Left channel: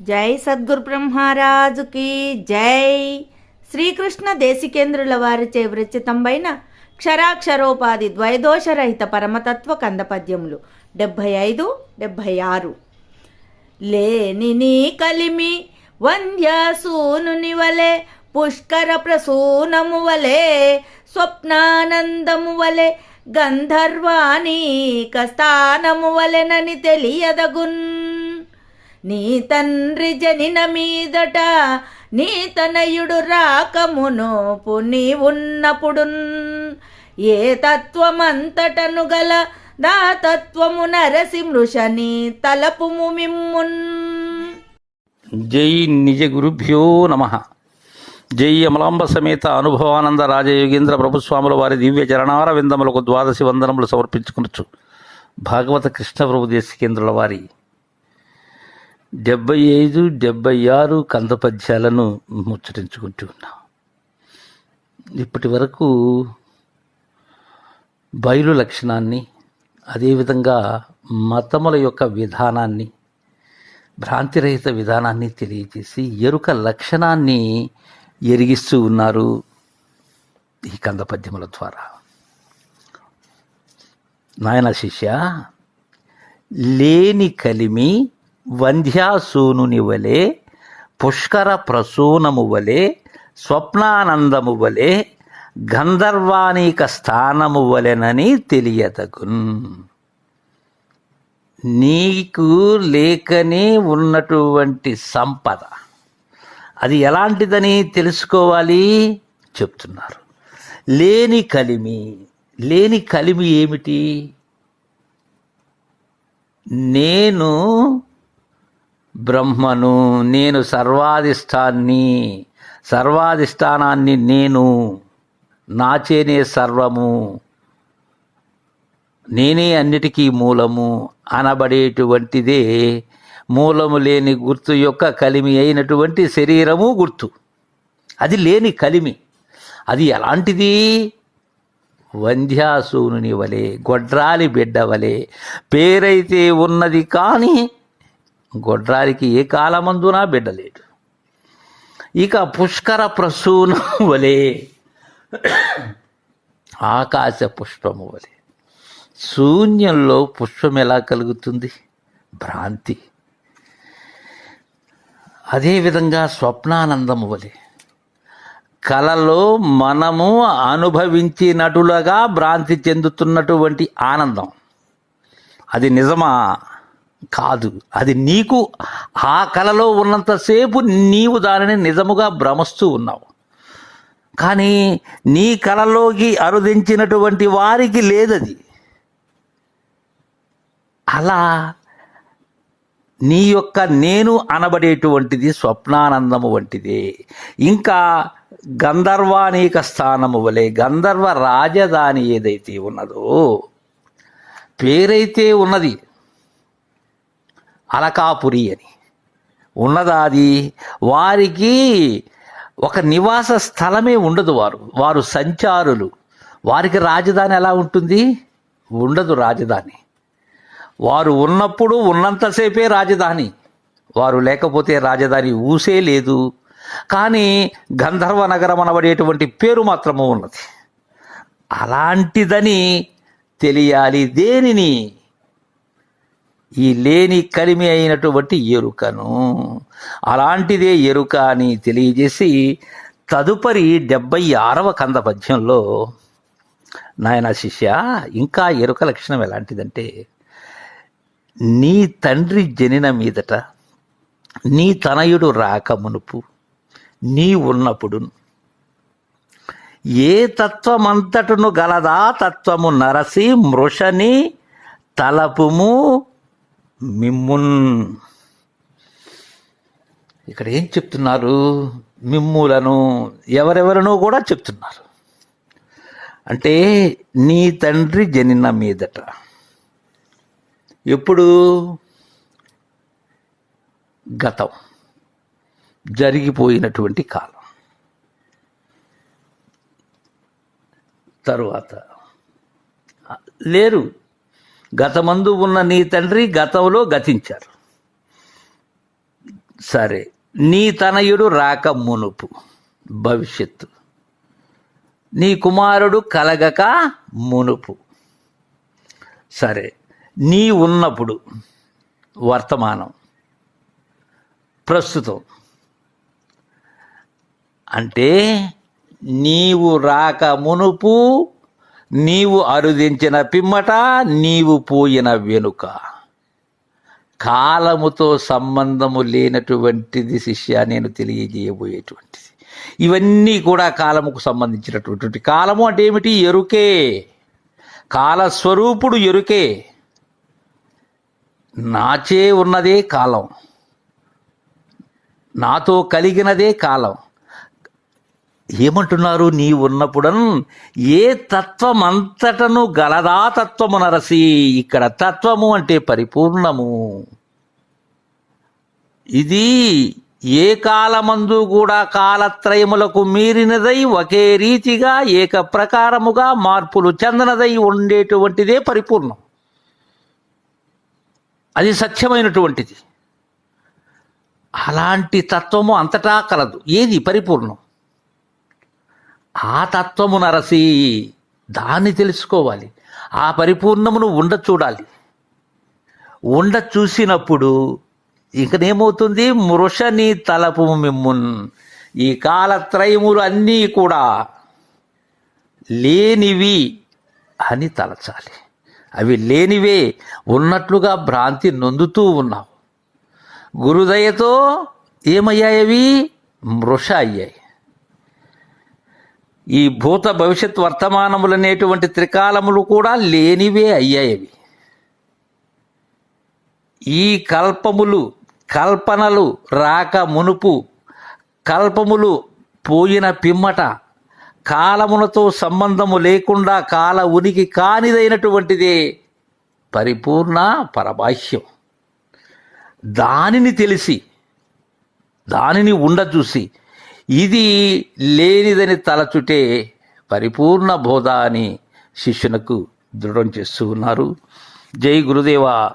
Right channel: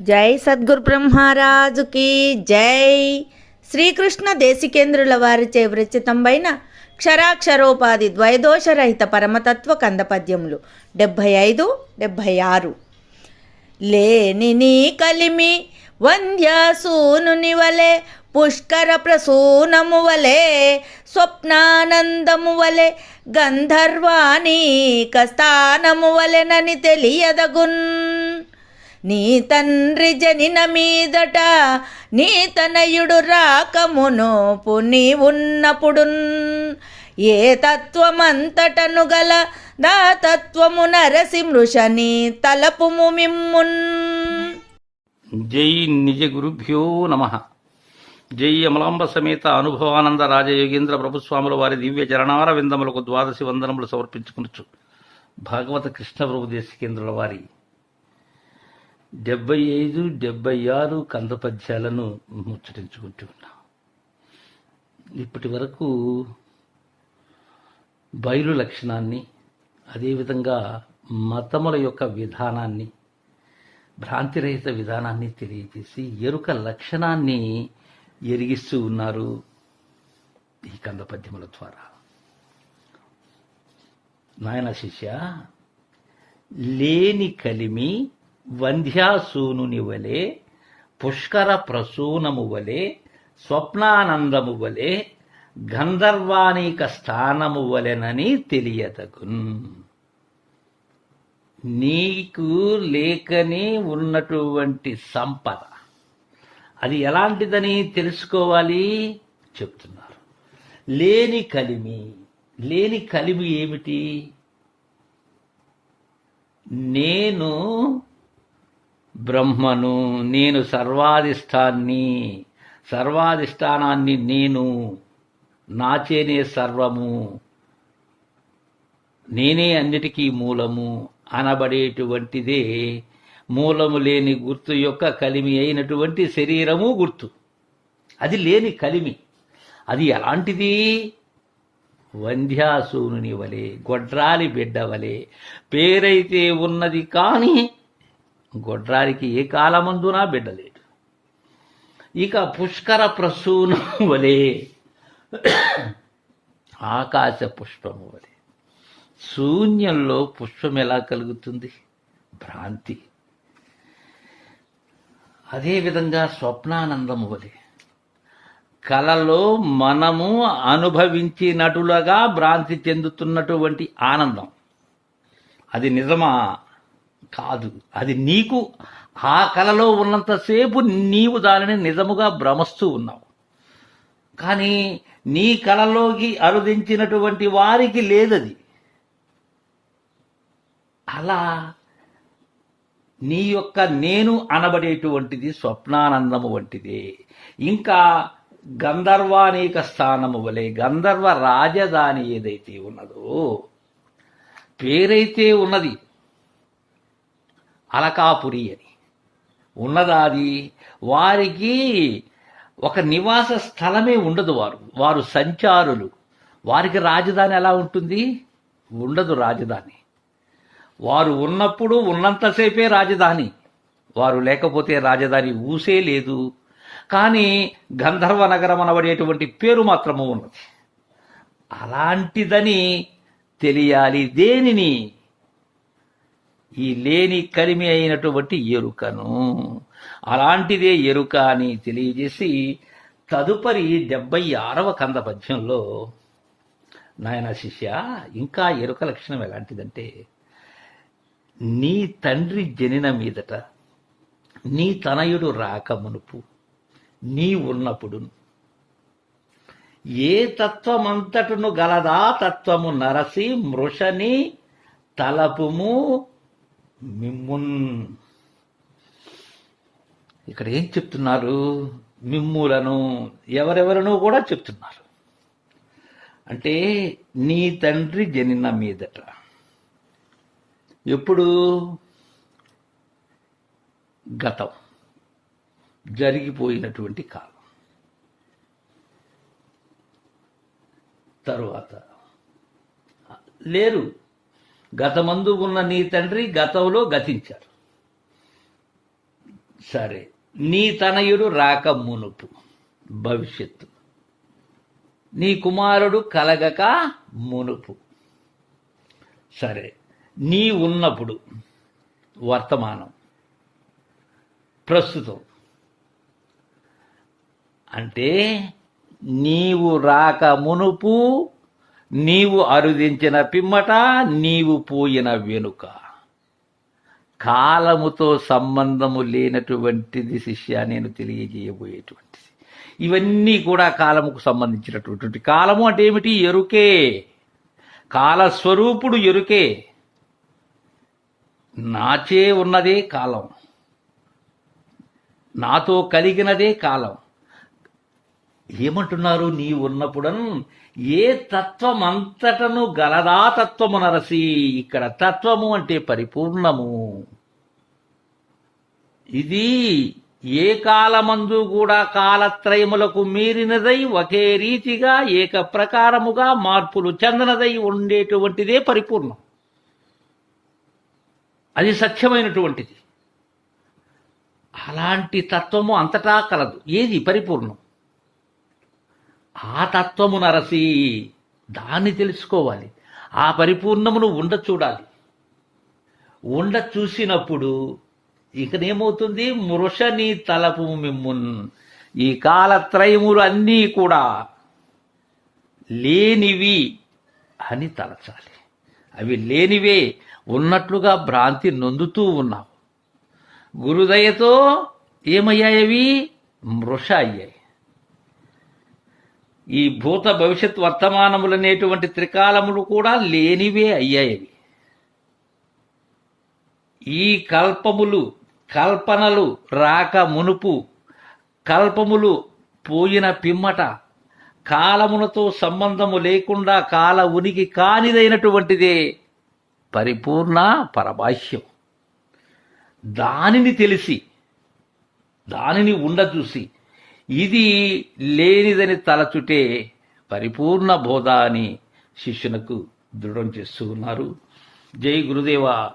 జై సద్గురు బ్రహ్మరాజుకి జై. శ్రీకృష్ణ దేశికేంద్రుల వారిచే విరచితంబైన క్షరాక్షరోపాధి ద్వైదోషరహిత పరమతత్వ కందపద్యములు. డెబ్భై ఐదు డెబ్భై ఆరు. లేని నీ కలిమి వంద్యాసూనుని వలె పుష్కర ప్రసూనము వలె స్వప్నానందము వలె గంధర్వాణీక స్థానము వలెనని తెలియదగున్. నీ తండ్రి జనిన మీదట నీ తనయుడు రాకమునోపు పుని ఉన్నప్పుడున్. ఏ తత్వమంతటను గల దా తత్వము నరసి మృషని తలపుము మిమ్మున్. జై నిజ గురుభ్యో నమ. జై అమలాంబ సమేత అనుభవానంద రాజయోగేంద్ర ప్రభుస్వాముల వారి దివ్య చరణార విందములకు ద్వాదశి వందనములు సమర్పించుకునొచ్చు భాగవత కృష్ణ ప్రభు దేశికేంద్రుల వారి డెబ్బై ఐదు డెబ్బై ఆరు కంద పద్యాలను ముచ్చటించుకుంటూ ఉన్నాం. ఇప్పటి వరకు బయలు లక్షణాన్ని అదేవిధంగా మతముల యొక్క విధానాన్ని భ్రాంతిరహిత విధానాన్ని తెలియజేసి ఎరుక లక్షణాన్ని ఎరిగిస్తూ ఉన్నారు ఈ కంద పద్యముల ద్వారా. నాయన శిష్య లేని కలిమి వంధ్యాసూనుని వలె పుష్కర ప్రసూనము వలె స్వప్నానందము వలె గంధర్వానీక స్థానము వలెనని తెలియతగున్ నీకు లేకనే ఉన్నటువంటి సంపద. అది ఎలాంటిదని తెలుసుకోవాలి? చెప్తున్నారు. లేని కలిమి. లేని కలిమి ఏమిటి? నేను బ్రహ్మను నేను సర్వాధిష్టాన్ని సర్వాధిష్టానాన్ని నేను నాచేనే సర్వము నేనే అన్నిటికీ మూలము అనబడేటువంటిదే. మూలము లేని గుర్తు యొక్క కలిమి అయినటువంటి శరీరము గుర్తు. అది లేని కలిమి. అది ఎలాంటిది? వంధ్యాసూనుని వలె గొడ్రాలి బిడ్డ వలె. పేరైతే ఉన్నది కానీ గొడ్రాలికి ఏ కాలమందునా బిడ్డలేడు ఇక పుష్కర ప్రసూనం వలె ఆకాశ పుష్పము వలె. శూన్యంలో పుష్పం ఎలా కలుగుతుంది? భ్రాంతి. అదేవిధంగా స్వప్నానందము వలె. కలలో మనము అనుభవించినటులుగా భ్రాంతి చెందుతున్నటువంటి ఆనందం. అది నిజమా? కాదు. అది నీకు ఆ కళలో ఉన్నంతసేపు నీవు దానిని నిజముగా భ్రమస్తూ ఉన్నావు. కానీ నీ కళలోకి అరుదించినటువంటి వారికి లేదది. అలా నీ యొక్క నేను అనబడేటువంటిది స్వప్నానందము వంటిదే. ఇంకా గంధర్వానీక స్థానము వలె గంధర్వ రాజధాని ఏదైతే ఉన్నదో పేరైతే ఉన్నది అలకాపురి అని. ఉన్నదాది వారికి ఒక నివాస స్థలమే ఉండదు వారు. వారు సంచారులు. వారికి రాజధాని ఎలా ఉంటుంది? ఉండదు రాజధాని. వారు ఉన్నప్పుడు ఉన్నంతసేపే రాజధాని. వారు లేకపోతే రాజధాని ఊసే లేదు. కానీ గంధర్వ నగరం అనబడేటువంటి పేరు మాత్రము ఉన్నది. అలాంటిదని తెలియాలి దేనిని? ఈ లేని కలిమి అయినటువంటి ఎరుకను అలాంటిదే ఎరుక అని తెలియజేసి తదుపరి డెబ్బై ఆరవ కంద పద్యంలో నాయన శిష్య ఇంకా ఎరుక లక్షణం ఎలాంటిదంటే నీ తండ్రి జనిన మీదట నీ తనయుడు రాక మునుపు నీ ఉన్నప్పుడు ఏ తత్వమంతటును గలదా తత్వము నరసి మృషని తలపుము మిమ్మున్. ఇక్కడ ఏం చెప్తున్నారు? మిమ్ములను ఎవరెవరనో కూడా చెప్తున్నారు. అంటే నీ తండ్రి జనిన మీదట. ఎప్పుడు? గతం. జరిగిపోయినటువంటి కాలం. తరువాత. లేరు. గతమందు ఉన్న నీ తండ్రి గతంలో గతించారు. సరే నీ తనయుడు రాక మునుపు భవిష్యత్తు. నీ కుమారుడు కలగక మునుపు. సరే నీ ఉన్నప్పుడు వర్తమానం ప్రస్తుతం. అంటే నీవు రాక మునుపు నీవు అరుదించిన పిమ్మట నీవు పోయిన వెనుక. కాలముతో సంబంధము లేనటువంటిది శిష్య నేను తెలియజేయబోయేటువంటిది. ఇవన్నీ కూడా కాలముకు సంబంధించినటువంటి కాలము అంటే ఏమిటి? ఎరుకే. కాలస్వరూపుడు ఎరుకే. నాచే ఉన్నదే కాలం. నాతో కలిగినదే కాలం. ఏమంటున్నారు? నీ ఉన్నప్పుడన్ ఏ తత్వం అంతటను గలదా తత్వము నరసి ఇక్కడ తత్వము అంటే పరిపూర్ణము. ఇది ఏ కాలమందు కూడా కాలత్రయములకు మీరినదై ఒకే రీతిగా ఏక ప్రకారముగా మార్పులు చెందనదై ఉండేటువంటిదే పరిపూర్ణం. అది సత్యమైనటువంటిది. అలాంటి తత్వము అంతటా కలదు. ఏది? పరిపూర్ణం. ఆ తత్వము నరసి దాన్ని తెలుసుకోవాలి. ఆ పరిపూర్ణమును ఉండ చూడాలి. ఉండ చూసినప్పుడు ఇకనేమవుతుంది? మృషని తలపు మిమ్మున్. ఈ కాలత్రయములు అన్నీ కూడా లేనివి అని తలచాలి. అవి లేనివే ఉన్నట్లుగా భ్రాంతి నొందుతూ ఉన్నావు. గురుదయతో ఏమయ్యాయవి? మృష అయ్యాయి. ఈ భూత భవిష్యత్ వర్తమానములనేటువంటి త్రికాలములు కూడా లేనివే అయ్యాయవి. ఈ కల్పములు కల్పనలు రాక మునుపు కల్పములు పోయిన పిమ్మట కాలములతో సంబంధము లేకుండా కాల ఉనికి కానిదైనటువంటిదే పరిపూర్ణ పరబాహ్యం. దానిని తెలిసి దానిని ఉండచూసి ఇది లేనిదని తలచుటే పరిపూర్ణ బోధ అని శిష్యునకు దృఢం చేస్తూ ఉన్నారు. జై గురుదేవా.